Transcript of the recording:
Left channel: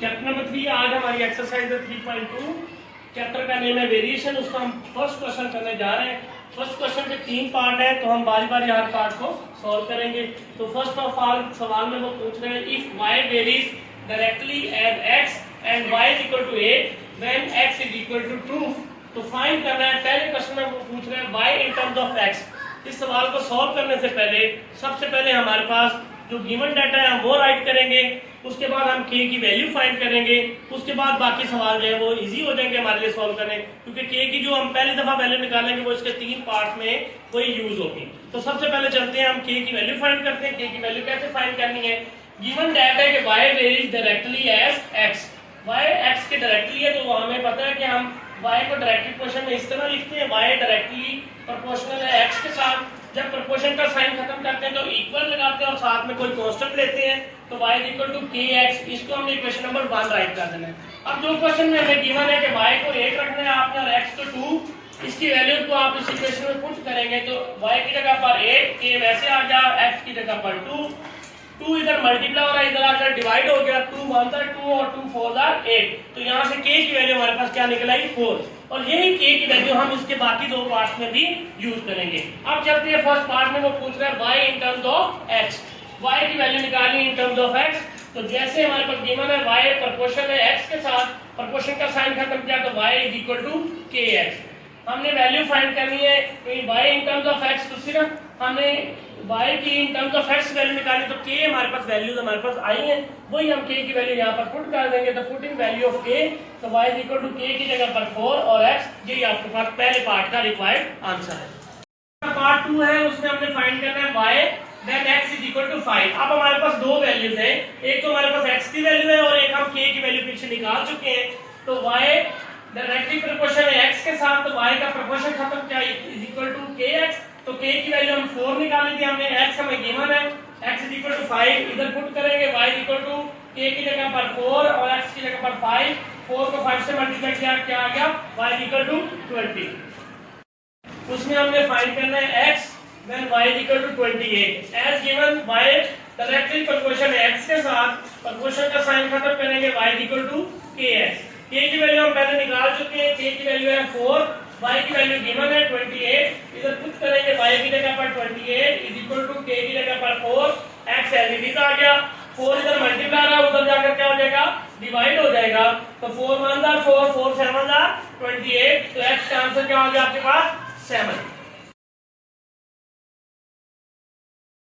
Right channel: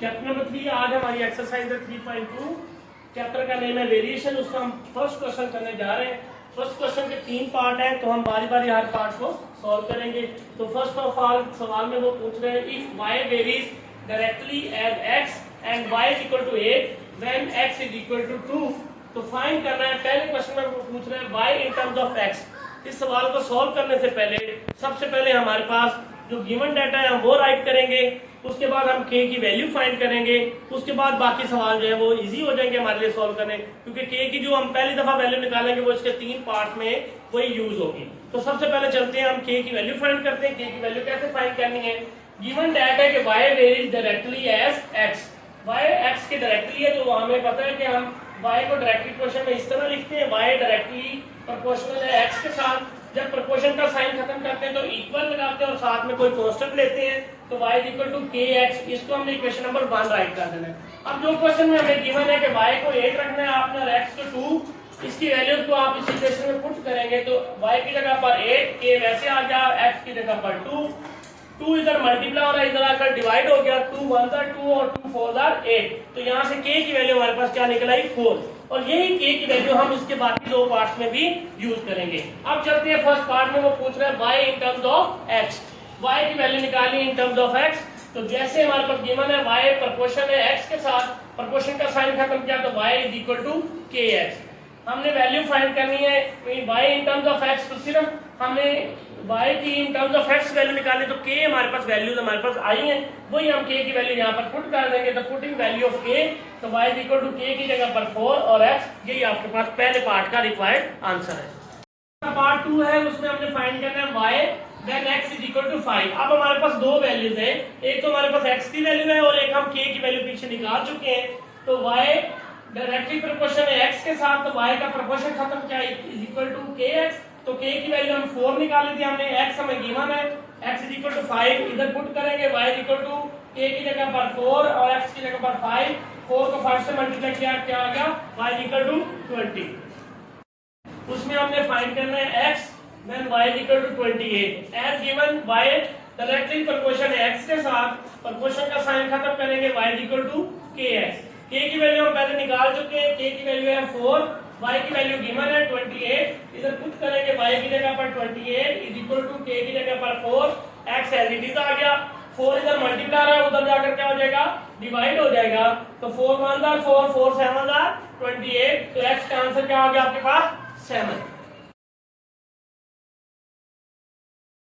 Chapter number 3 आज हमारी exercise है 3.2। चैप्टर का नेम है वेरिएशन। उसका हम फर्स्ट क्वेश्चन करने जा रहे हैं। फर्स्ट क्वेश्चन के 3 पार्ट है, तो हम बारी बारी हर पार्ट को सॉल्व करेंगे। तो फर्स्ट ऑफ ऑल सवाल में वो पूछ रहे हैं if y varies directly as x and y is equal to 8 when x is equal to 2, तो फाइंड करना है। पहले क्वेश्चन में वो पूछ रहे हैं y in terms of x। इस सवाल को सॉल्व करने से पहले सबसे पहले हमारे पास जो गिवन डाटा है हम वो राइट करेंगे, उसके बाद हम k की वैल्यू फाइंड करेंगे, उसके बाद बाकी सवाल जो है वो इजी हो जाएंगे हमारे लिए सॉल्व करने, क्योंकि k की जो हम पहली दफा वैल्यू निकालेंगे वो इसके 3 पार्ट में वही यूज होगी। तो सबसे पहले चलते हैं हम k की वैल्यू फाइंड करते हैं। k की वैल्यू कैसे फाइंड करनी है? गिवन डाटा है कि y varies directly as x, y x के डायरेक्टली है, तो हमें पता है कि हम y को डायरेक्टली क्वेश्चन में इस तरह लिखते हैं, y डायरेक्टली प्रोपोर्शनल है x के साथ। जब प्रोपोर्शन का साइन खत्म करते हैं तो इक्वल लगाते हैं और साथ में कोई कांस्टेंट लेते हैं, तो y is equal to kx। इसको हमने इक्वेशन नंबर 1 राइट कर देना है। अब जो क्वेश्चन में हमें गिवन है कि y को 8 रखना है आपने और x को 2, इसकी वैल्यूज को आप इस इक्वेशन में पुट करेंगे तो y की जगह पर 8, k वैसे आ गया, x की जगह पर 2 इधर मल्टीप्लाई हो रहा है, इधर आकर डिवाइड हो गया, 2 1 2 और 2 4 8। तो यहाँ से k की वैल्यू हमारे पास क्या निकल आई 4, और यही k की वैल्यू हम इसके बाकी 2 पार्ट्स में भी यूज करेंगे। अब चलते हैं फर्स्ट पार्ट में। वो पूछ रहे हैं y in terms of x, y की वैल्यू निकालनी इन टर्म्स ऑफ x। तो जैसे हमारे पास गिवन है y प्रोपोर्शन है x के साथ, प्रोपोर्शन का साइन खत्म किया तो y is equal to kx। हमने वैल्यू फाइंड करनी है y in terms of x, तो सिर्फ हमने y की in terms of x value निकाली, तो k हमारे पास वैल्यूज हमारे पास आई हैं, वही हम k की वैल्यू यहाँ पर पुट कर देंगे। तो पुटिंग वैल्यू ऑफ k, तो y is equal to k की जगह पर 4 और x, यही आपके पास पहले पार्ट का रिक्वायर्ड आंसर है। पार्ट 2 है, उसमें हमने फाइंड करना है y then x is equal to 5। अब हमारे पास दो वैल्यूज हैं, एक तो हमारे पास x की वैल्यू है और एक हम k की वैल्यू पीछे निकाल चुके हैं। तो y डायरेक्टली प्रोपोर्शन है x के साथ, तो y का प्रोपोर्शन खत्म किया इज इक्वल टू kx। तो k की वैल्यू हम 4 निकाली थी हमने, x हमें गिवन है, x इज इक्वल टू 5, इधर पुट करेंगे y is equal to k की जगह पर 4 और x की जगह पर 5, 4 को 5 से मल्टीप्लाई किया क्या आ गया y इज इक्वल टू 20। उसमें हमने फाइंड करना है x when y is equal to 28। As given y directly proportion है x के साथ, प्रोपोर्शन का साइन खत्म करेंगे y is equal to kx। k की वैल्यू हम पहले निकाल चुके हैं, k की वैल्यू है 4, y की वैल्यू गिवन है 28, इधर पुट करेंगे y की जगह पर 28 इज इक्वल टू k की जगह पर 4, x एज इट इज आ गया, 4 इधर मल्टीप्लाई रहा है, उधर जाकर क्या हो जाएगा डिवाइड हो जाएगा। तो 4 1 4 4 7 28, तो x का आंसर क्या हो गया आपके पास 7।